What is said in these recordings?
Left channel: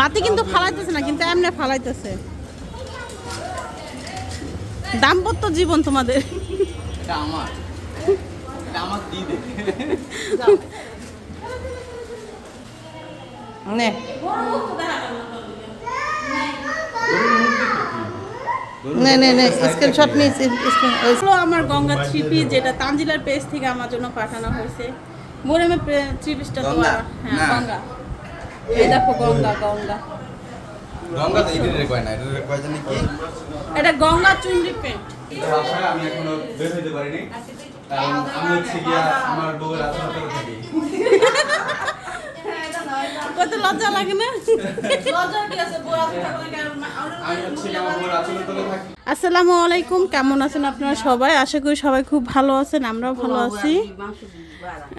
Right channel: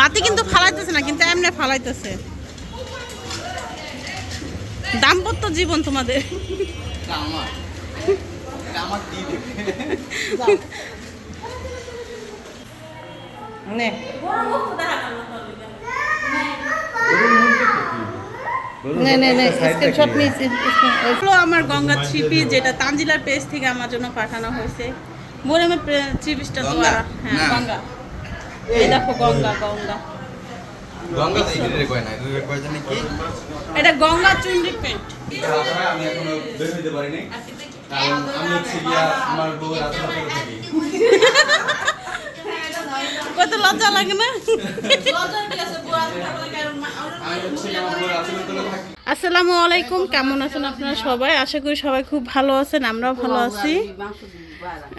বাতি কিন্তু ফালাইতেছে না কিন্তু এমনি ফালাইতেছে। দাম্পত্য জীবন তোমাদের? আমার। গঙ্গা থ্রি পিস যেটা তানজিলার পেজ থেকে আমার জন্য পাঠানো হয়েছে। মোরেমে থ্রি পিসটা তো হ্যাঁ গঙ্গা। এই দেখো গঙ্গা গঙ্গা। গঙ্গা তো এদের কয় না এদের কয় জানি কি? এটা গঙ্গা চুনরি পেন্ট আমি এখনও বের হইতে পারিনি আমি হচ্ছে গিয়া আমার বউয়ের আশা থাকি। কত লজ্জা লাগে না? আমি হচ্ছে আমার বউয়ের আশা করে থাকি। আসসালামু আলাইকুম কেমন আছেন আপনারা সবাই? আশা করি সবাই খুব ভালো আছেন আমরাও ভালো আছি।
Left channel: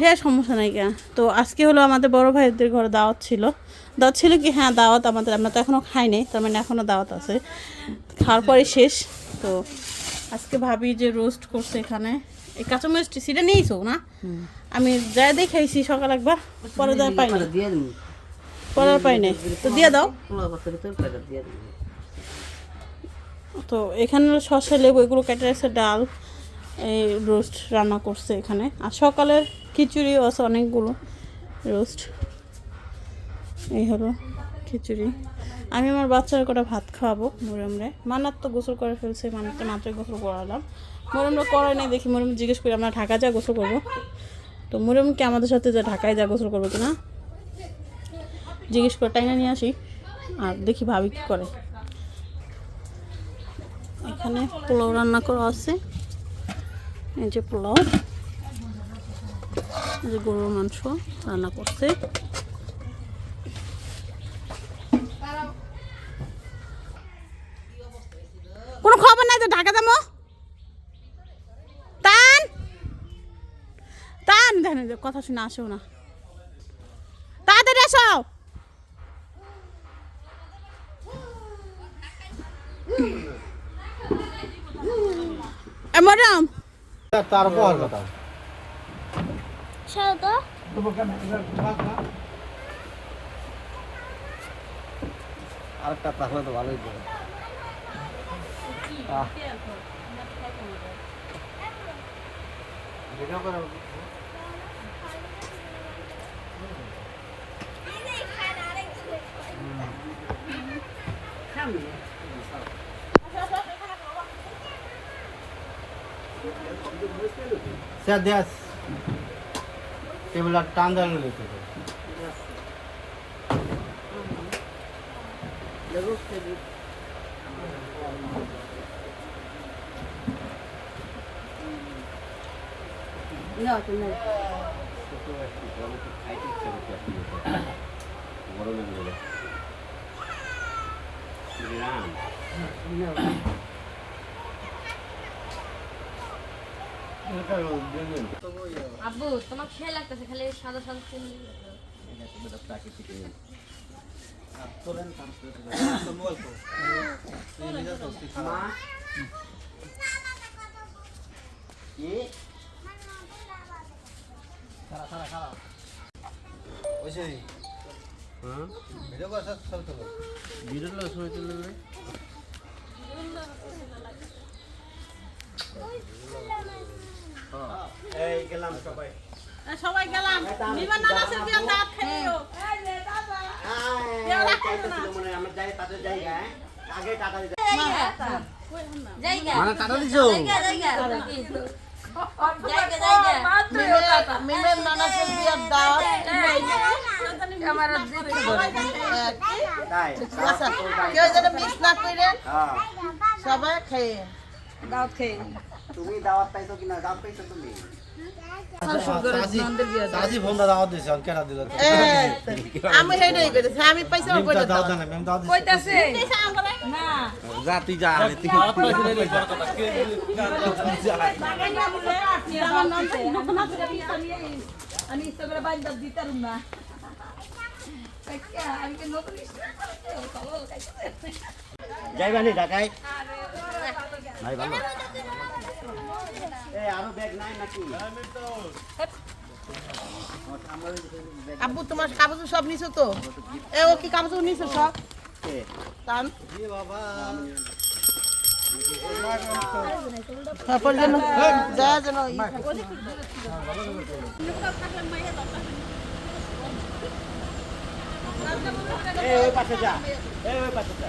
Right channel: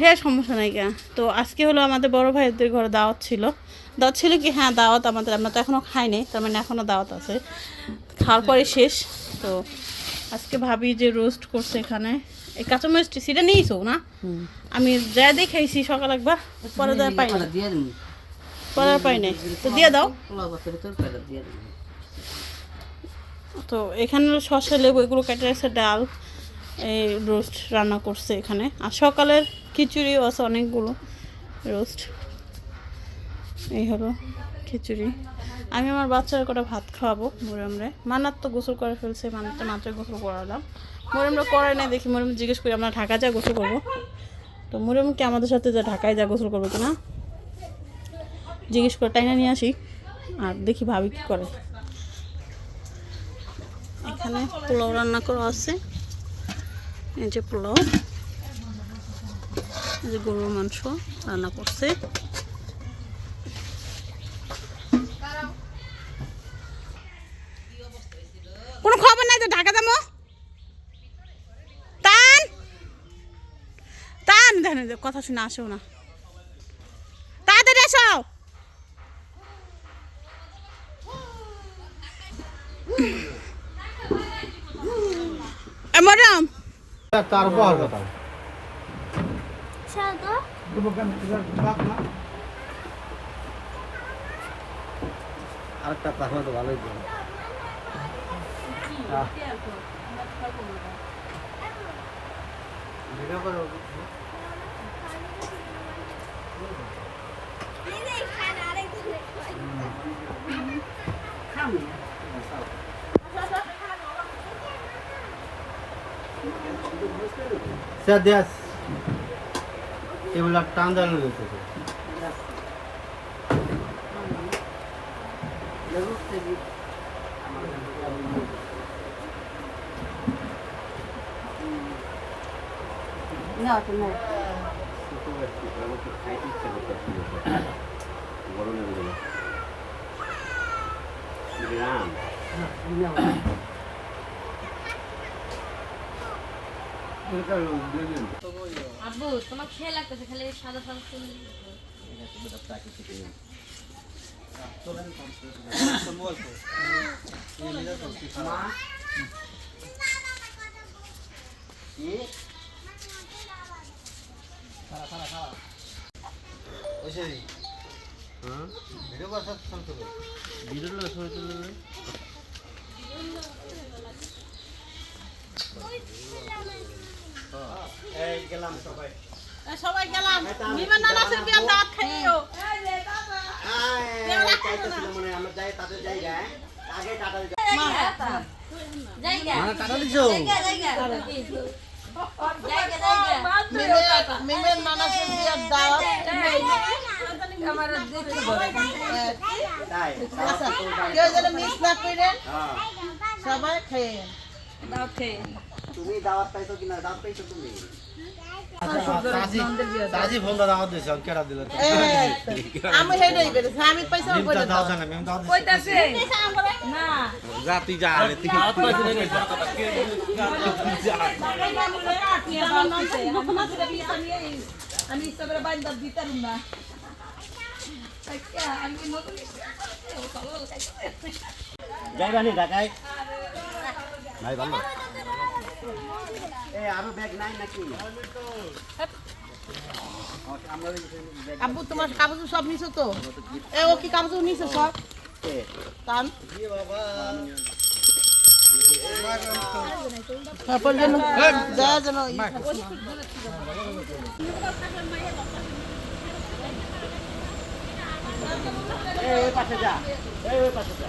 হ্যাঁ সমস্যা নাই কেন তো আজকে হলো আমাদের বড় ভাইদের ঘরে দাওয়াত ছিল। দাওয়াত ছিল কি? হ্যাঁ দাওয়াত আমাদের আমরা তো এখনও খাই খাইনি তার মানে এখনও দাওয়াত আছে। খাওয়ার পরে শেষ। তো আজকে ভাবি যে রোস্ট করছে এখানে। এই কাঁচামরিচটি সেটা নিয়েছো না? আমি যা দেখাইছি সকাল একবার পরে দেওয়া পাই না পরে আর পাই নাই তো দিয়ে দাও। দিয়ে তো এখানে শসা লেবু, এগুলো কেটে আছে ডাল, এই রোস্ট রান্না করছে এখানে। আর সকালের খিচুড়িও আছে অনেকগুলো, রোস্ট। এই হলো খিচুড়ি। আমি আমার বাচ্চার করে ভাত খাওয়াবো, মোরামরে। মানার তো গোসল করে ফেলছে মানার তো মাত্র গোসল করালাম। মোরামরা করে নাই, দেখি মোরাম জিজ্ঞেস করি, আমরা ঢাকা যা গোসল করব? তো মোরাম কি আমাদের সাথে যা ঢাকায় যা গোসল করব কিনা? জিজ্ঞেস করে টাইনা নিয়ে আসি, আর দেখি ভাবি কি করে। এখানে পোলাও রান্না করা আছে। এই যে পোলাও। এই যে গরুর মাংস রান্না করছে। কোনো খবর নাই যে ঢাকা যাব? টান টান যে কথা শুনে আসেও না। তাড়াতাড়ি আসো! ম্যাডাম কার বহার কথা আরেকটা কথা তো ভালোই দিন। স্যার দেশ এগুলা টান দাঁড়ানো রয়েছে না তো না। আব্বু, তোমার খেয়ে লাগতেছে, খালি সাদা সাদা চুল ওইসে হ্যাঁ ভিডিও কথা চল তো বিরল শুনে তুললে এই গেলাম সবাই। গেলাম। বিমান খাইও মানে আমরা যাই তাদের আগে টাটা জায়গা। মানে টাটা দিছো? জায়গা আচ্ছা হ্যাঁ। সবাই খেয়ে। তুমি দাওয়াত পাইছো কিনা দাওয়াত পাইছো তুমি? আমি বান্ধব দিতাম না। যাইবানি ঢাকায়? ভাই ভালো। আব্বু, তোমার কাগজ সব নিছো তো? এ, ও কি কাগজ নিছো সব? টান তারপর পাশে যা। পাশে যা।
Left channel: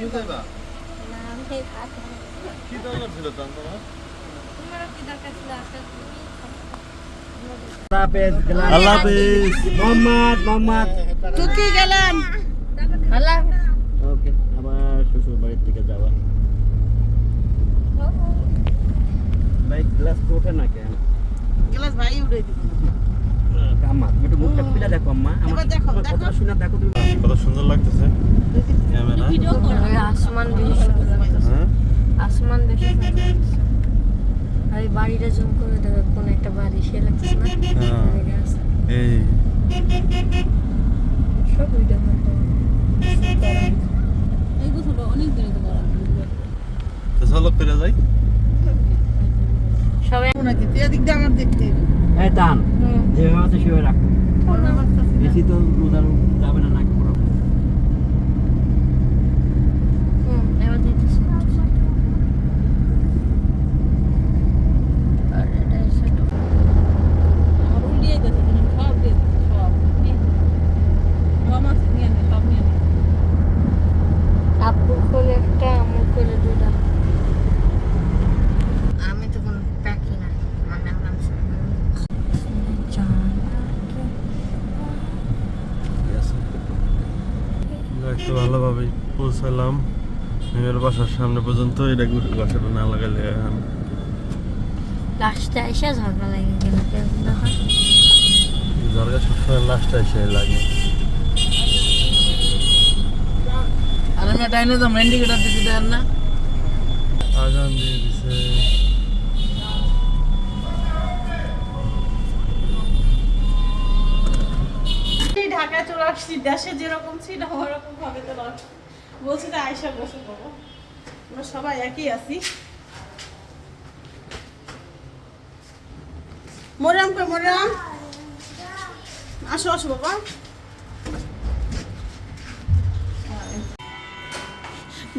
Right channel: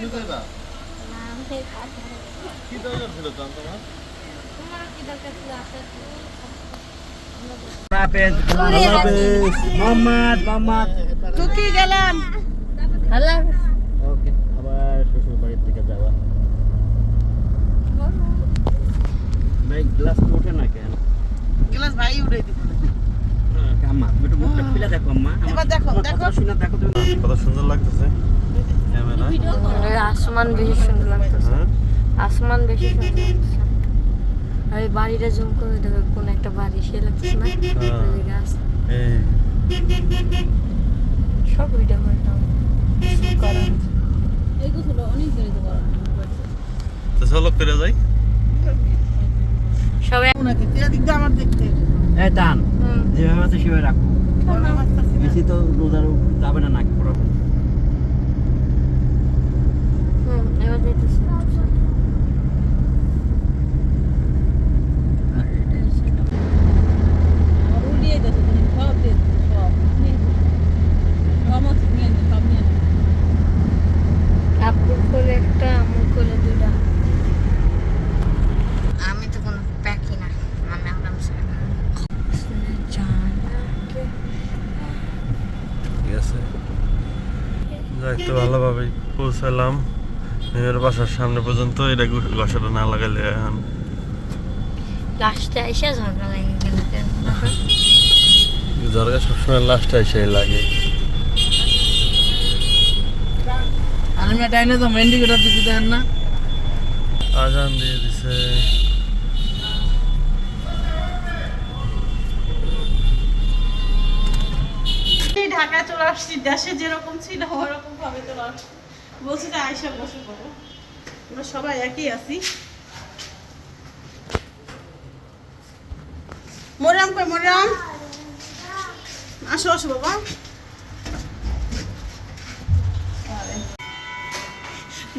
তুমি যাইবা কি দরকার ছিল তোমার? তোমারও কি দরকার ছিল? আসার হাফেজ আল্লাহ হাফেজ। মোহাম্মদ মোহাম্মদ। টুকি গেলাম। আল্লাহ ওকে আবার শ্বশুর বাড়ির দিকে যাওয়া। ভাই গ্লাস তো ওঠে না কেন? গ্লাস ভাই উড়ে দিব আম্মা তুমি একটু মুখটা খুলে দেখো আম্মা। আমার দেখো, দেখো। শুনে দেখো তুমি। কত সুন্দর লাগতেছে। ক্যামেরা। আসমান বেশি সুন্দর লাগতেছে। হ্যাঁ? আসমান বেশি সুন্দর লাগতেছে। আর বাড়িটা জুম করে দেখো কোন একটা বাড়ি সে লাগতেছে না? হ্যাঁ। এই। সব ভিডিও তো চলো করে যাই। সবাই নাকি তুই এদিক দিয়ে আমার দেখতে। এই টান। যেভাবে আছে সেভাবে রাখো বেশি তো রোজা যাবে না নাক পড়ো হুম এবার দেখতেছি আর এটা হচ্ছে আমার উল্টিয়ে দেখো তুমি সব দিয়ে দিছো, সব কম আছে নিয়ে নে সব নিয়ে নে আপুর কোলে একটা আমার কোলে দুটা আমি তো কোনো প্যাকি না মানে আরামসে ঠিক আছে যাই তো ভালোভাবে পৌঁছালাম মেয়ের বাসার সামনে পর্যন্ত এটা গসাটা না লাগাইলে এখন। লাস্টে এসে ঝগড়া লেগে গেল সবসময় লাস্টে এসে লাগে। আর আমি ডাইনে তো মেন্ডি কেটে দিতে দেন না। আজান দিয়ে দিছে। ঢাকায় চলে আসছি দেশে যেরকম ছিল ওরকম ভাবে আসছি বলছি যে আয়সা বসে পড়ো। আমরা সবাই একই আছি। মরাম কই মরাম আসো আসো বাবা।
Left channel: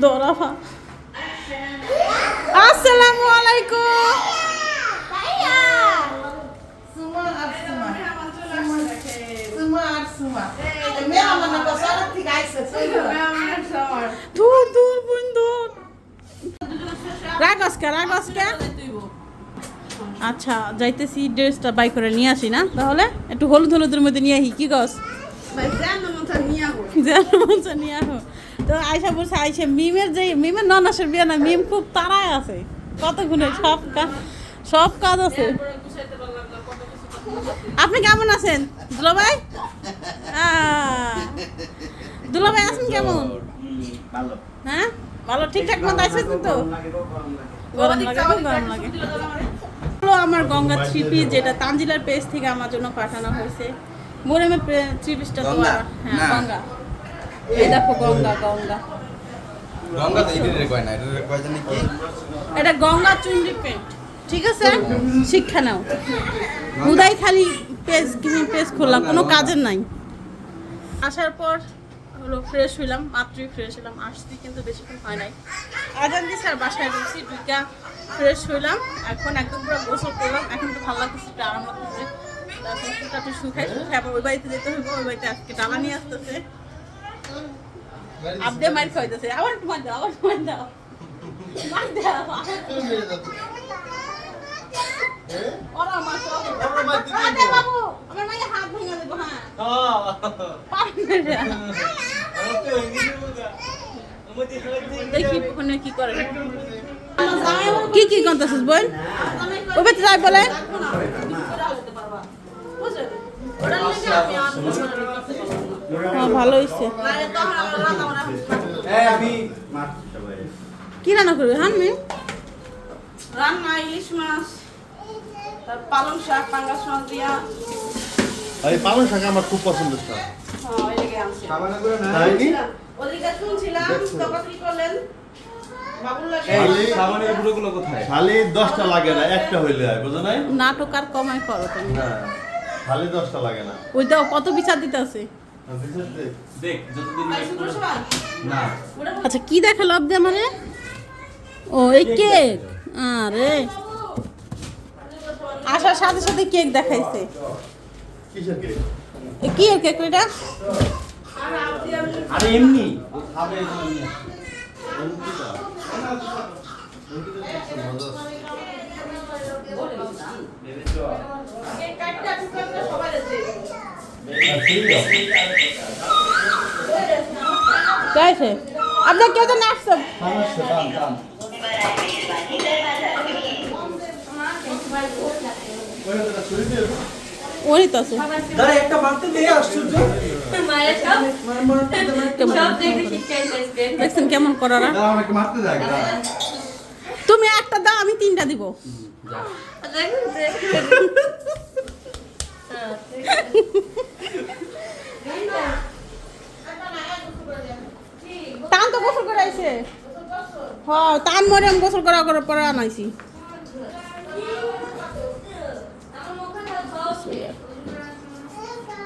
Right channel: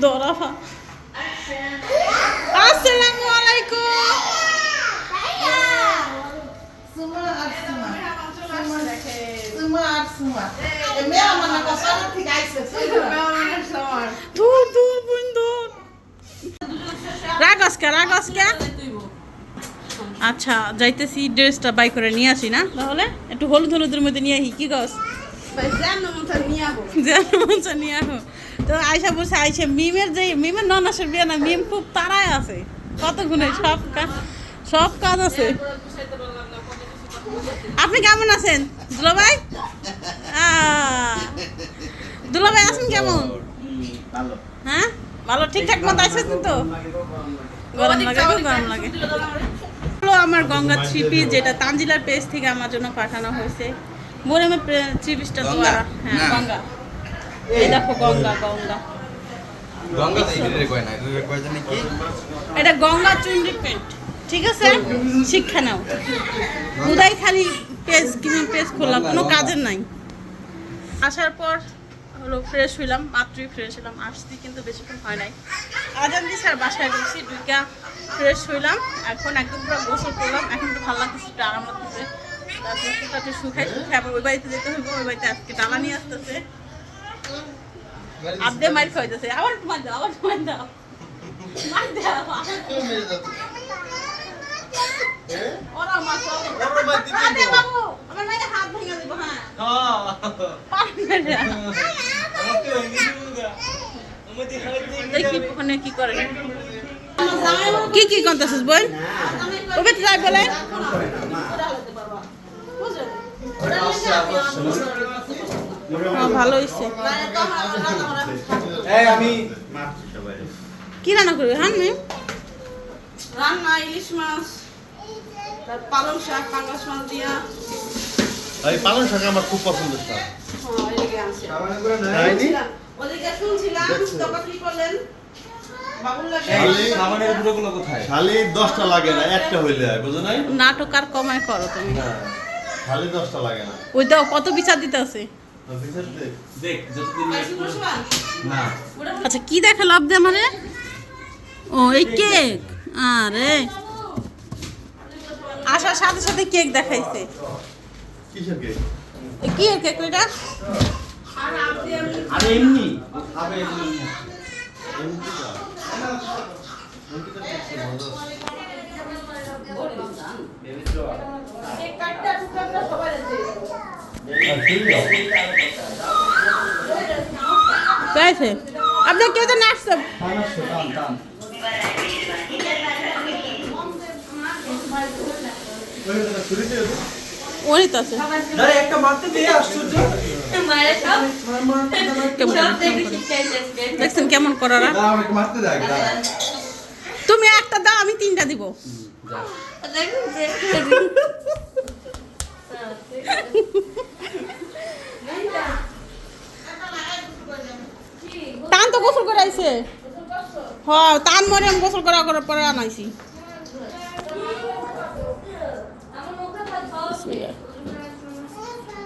দৌড়াবা আসসালামু আলাইকুম। সুমা আর সুমা দূর রাগসকা রাগসকা আচ্ছা যাইতেছি ড্রেসটা বাই করে নিয়ে আসি না? তাহলে? একটু হলুদ হলুদের মধ্যে নিয়ে আসি কি গস নিয়ে আহো তো আয়সা বলছে আইসা মিমের যে মিমের ননাসের বিয়ে না মিম খুব তারায় আছে। কত গুণে সব কাজ সব কাজ আছে। আপনি কেমন আছেন? দুলাভাই দুলাভাই আছেন কেমন? হ্যাঁ? ভালো ঠিকঠাক মতো আছেন তো? গরম লাগে গরম লাগে। আমার গঙ্গা থ্রি পিস যেটা তানজিলার পেজ থেকে আমার জন্য পাঠানো হয়েছে। মোরেমে থ্রি পিসটা তো আর হ্যাঁ গঙ্গা। এই দেখো গঙ্গা গঙ্গা। এটা গঙ্গা চুন্ডি পেন্ট। ঠিক আছে? শিক্ষা নাও। উদয় খালি পেজ পেজ খুললাম। কোনো কাজের নাই। আসার পর হলো ফ্রেশ হইলাম মাত্রই ফ্রেশ হইলাম, আসছি কিন্তু বেশিক্ষণ হয় নাই। আজান দিছি আর বাসায় গেছি দুইটা ফ্রেশ হইলাম। এখন একদম পুরো গোসল করলাম। এখন তো ভালো লাগতেছে, একটু আরাম লাগতেছে। তারপর শুকাই শুকাই আবার ওই বাড়িতে যেতে হবে ওই বাড়িতে আজকে ডালা নিয়ে আসতেছে। আবদে মার খাইতেছে আবার একটু মার দাও, আবার মার দাও। মার দাও। ওরা মার ওরা মার দিতে বাবু। আমার মাইকে হাত ভেঙে দেবো হ্যাঁ। পারবে না। দেখি ওখানে কি করে কি কি করতেছিস ওকে তো যাই বলে। হ্যাঁ, ভালো হয়েছে কি রান্না করবি? হ্যাঁ মেয়ে রান্না ইলিশ মাছ। তার পালং শাক পাঙ্গাস মাছ দিয়া। আর পালং শাক আমার খুব পছন্দের শাক। হ্যাঁ হয় নাটক আর কমায় করো তুমি। না খালি দশটা লাগে না। ওই কত বিচার দিতে আছে? দেখ যতদিন শুক্র সবাই না। আচ্ছা কি দেখে লাভ দে আমারে? ও এই কেক আরে। আসার সাথে সাথে কেক দেখাইছে। কেক? কি এর কেক এটা আরে এমনি। ও খাবে তো এমনি। গাইছে আপনার আছে কেমন দেখছেন কেমন করারা? তুমি একটা দাও আমি তিনটা দিব। টান তো গোসল করাইছে। হ্যাঁ টান মরে আমি গোসল করা করার পরে আনাইছি।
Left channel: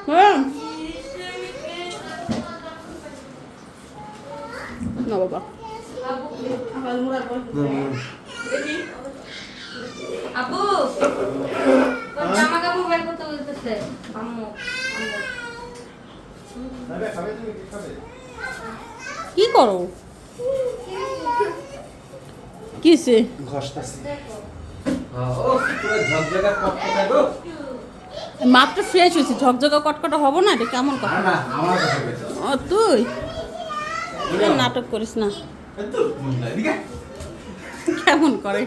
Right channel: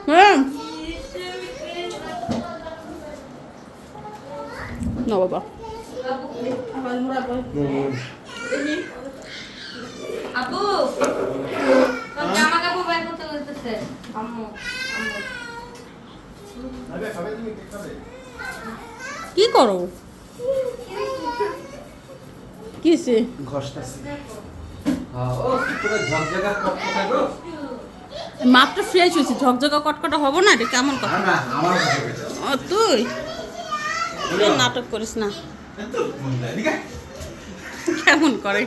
হুম না বাবা তোর জামা কাপড় বের করতে বলতেছে। আম্মু কি করো? কিসে হ্যাঁ, ও কি করে ঝকঝকা কটকটা গো? মাত্র ফ্রেশ হয়েছে ঝকঝকা কটকটা হব না এটা কেমন কথা? ও তুই? নাটক করিস না। কেমন করে?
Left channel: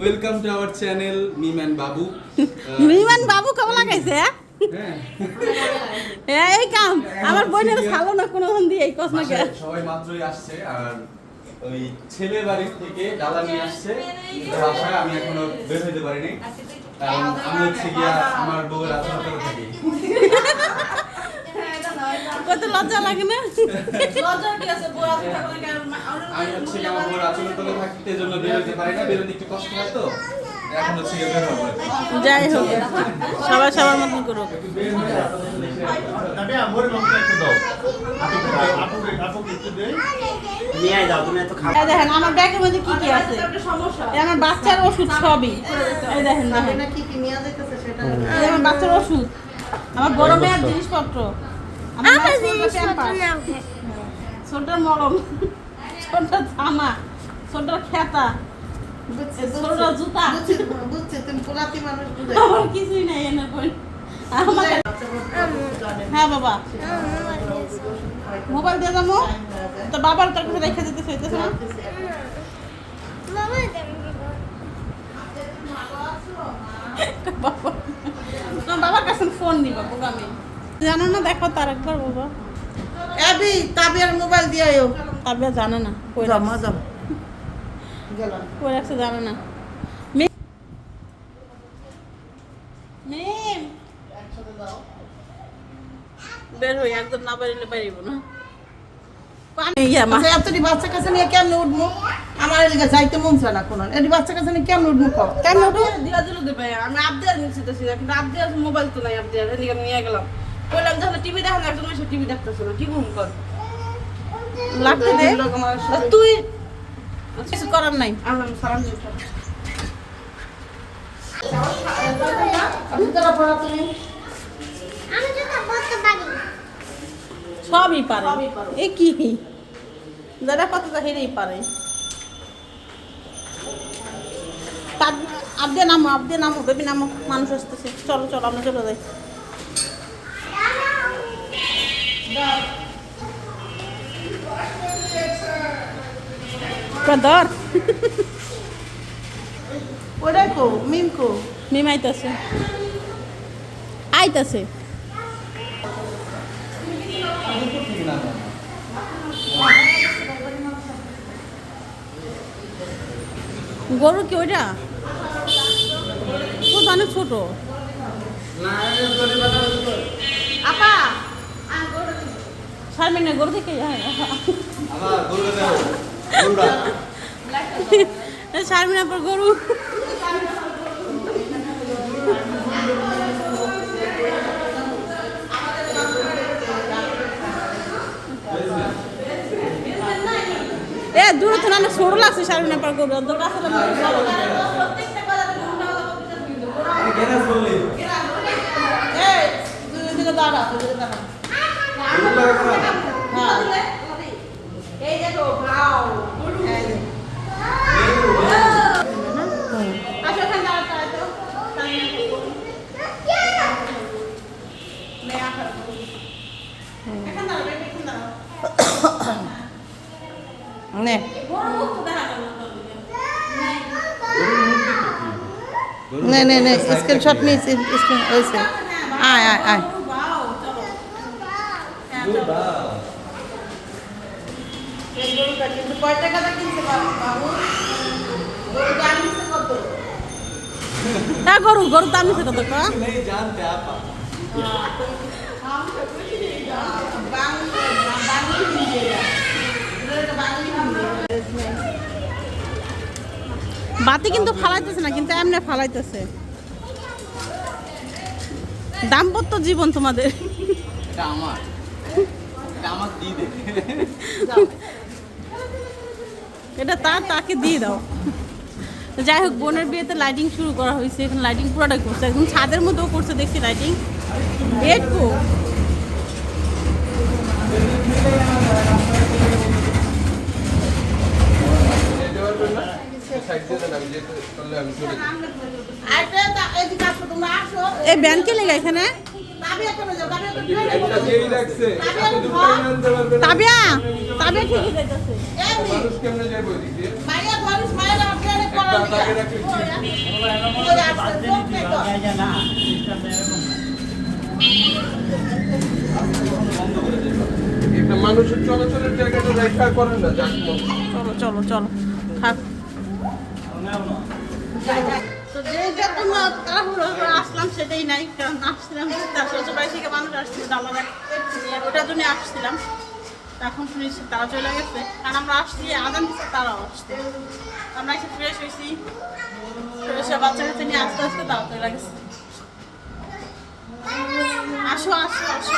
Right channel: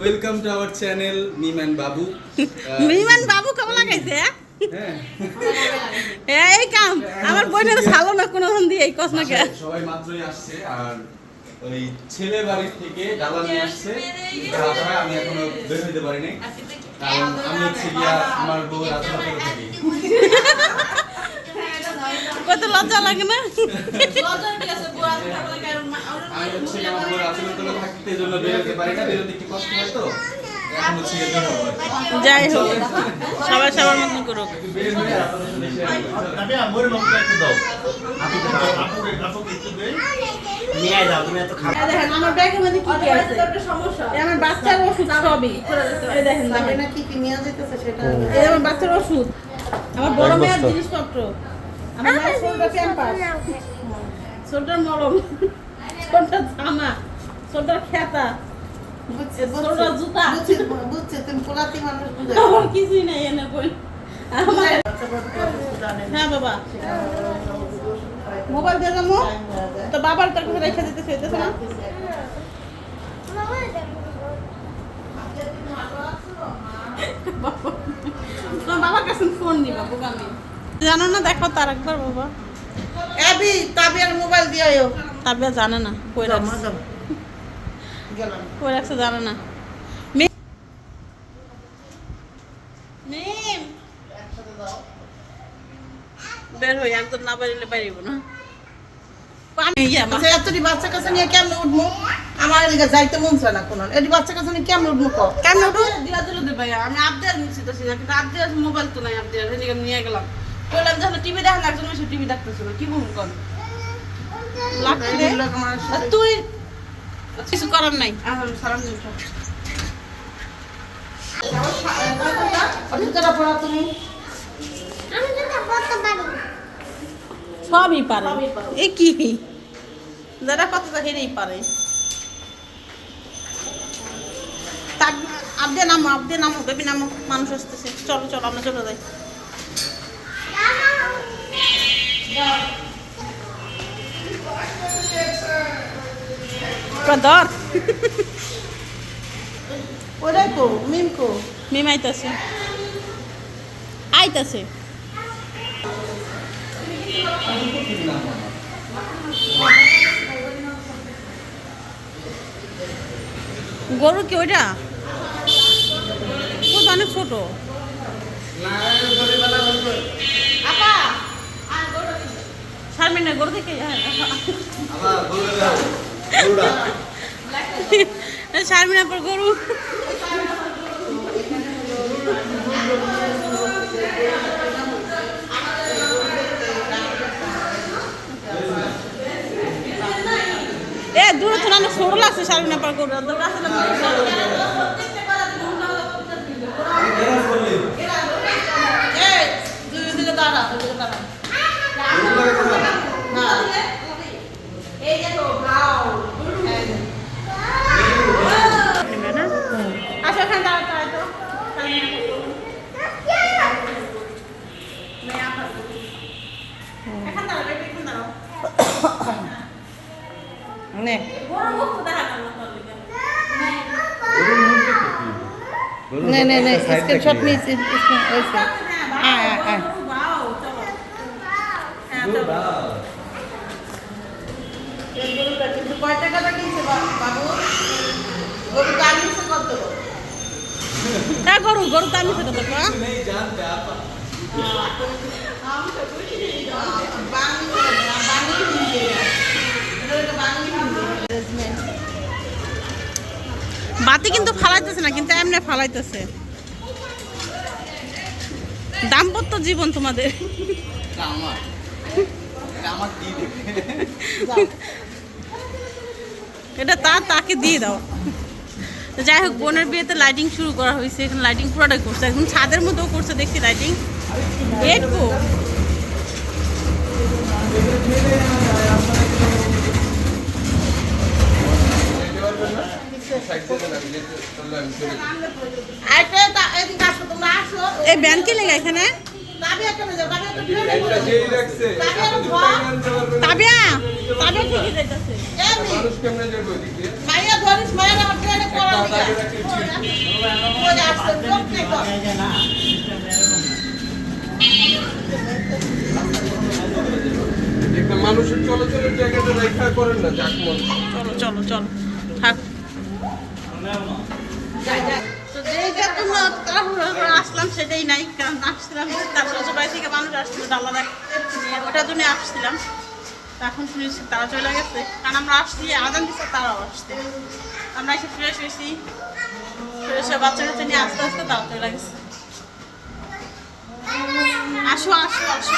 Welcome to our channel Mim বাবু মিমান বাবু কেমন লাগাইছে হ্যাঁ? এই কাম আমার বোনের ভালো না কোনো দিয়ে এই কস না কে? সবাই মাত্রই আসছে আর ওই ছেলে বাড়ির থেকে ডালা নিয়ে আসছে আমি এখনও বের হইতে পারিনি। কারণ আমি হচ্ছে গিয়া আমার বউয়ের করে থাকি। কত লজ্জা লাগে না? আমি হচ্ছে আমার করে থাকতে জন্য বের হইতে পারি না বেরোতে একটু কষ্ট হয় তো। যাই হোক সবাই সবার মতন করুক। দেখেন আমার ব্যাগের মধ্যে কি কি আছে? একটা সমস্যা। আমার বাচ্চার ওষুধ সবই। দেখেন দেখেন। না কি কি নিয়ে যেতেছে সেটা? এই আমার বাচ্চার ওষুধ। আমার বড় মেয়ের জিনিসপত্র। আমার ছোটটার মলম। ছোটটা জামা। ছোটটার খেতা। কিছুই নাই এনে বই হ্যাঁ বাবা। মোবাইল দিয়ে যাব তোর বাবার তো কিছু রেখে দিতে চাইতেছে না? তোমার বাবার কাছে ফোন নিবা জানো না দেখো তার একবার বাবা। এবি তাবিয়ার মোবাইল দিয়ে আয়ো। তাবিয়া জানে না কই গেলাম কই রাখছে? জানে না। বের হই একদম না পারিলে পারিব না। আমি মা এতটি বাচ্চা কাছে নিয়ে কেমনে উঠবো? আমার এদিকে যাইতে মন চায় না কোনো। এটি বাচ্চা কাছে নিয়ে কেমনে উঠবো দিল দে আমি আবদিয়ার নিচ্ছি তো সেটা কিন্তু আবদিয়ার মোবাইল তো নাই আবদিয়ার এদিকে নিয়ে গেলাম। বললাম যখন টিভি দেখেন একজন টিভি দেখতেছিল কি ঘুম কর? লাগতে তুই কিছু করার নাই। সবই পারে। এ কি? যারা কত হেরেই পারে। আবদে নামো আবদে নামো, বেবি নামো, মানুষ আসতেছে। চলো চলো, আমরা চলে যাই। ধর ওটাই কো মিন কো। মিম আইতাছে। আইতাছে। গরু কি ওইটা? ও তো অনেক ছোট। শারমিন না গরু থেকে আমার গরু। এ দূরে তো অনেক ছোট লাগছে শারমিন পর গরু দাঁড়া দাঁড়া। Ne? नहीं नहीं नहीं इसके शॉट में इस, इसमें ऐसे। आए आए हाँ, क्या करूँ? करूँ तो से करते क्या नहीं जानते आप। हाँ, तो हम से कुछ नहीं जानते। बांग्ला बांग्ला বাতি কিন্তু ফালাইতেছে না, কিন্তু এমনি ফালাইতেছে। দাম্পত্য জীবন তোমাদের? এটা তার তাকে দিয়ে দাও। যাই হোক, বোনের বিয়েতে লাইটিং শুরু করা হয়েছে, এখানে লাইটিং পুরোটাই করছে। একদম ছাদের মধ্যেও করছে, দেখছি লাইটিং বেড কো আইটা তা এদিকে আসো তোমরা আসো এই ব্যাংকে লেগে এখানে? তাবিয়া ঠিকই যাইতেছে? মানুষের চলাচলের জায়গাটা রেখা করেন না চলো চলো চলো। সেটাই নাই, কারণ আসছিলাম তার শ্বশুরবাড়ি থেকে মানুষ আসছিল নিয়ে। ওটার জন্য আসছিলাম। এখন শুনেছি তারা চলে গেছে। কারণ আমরা আসছি, আদান দিচ্ছে তারাও আসছে। আমরা এসে ফ্রেশ হয়েছি। ফ্রেশ হয়ে বাচ্চা কাচ্চা নিয়ে আস্তে আস্তে তারা চলে গেছে। আসো আসো আসো।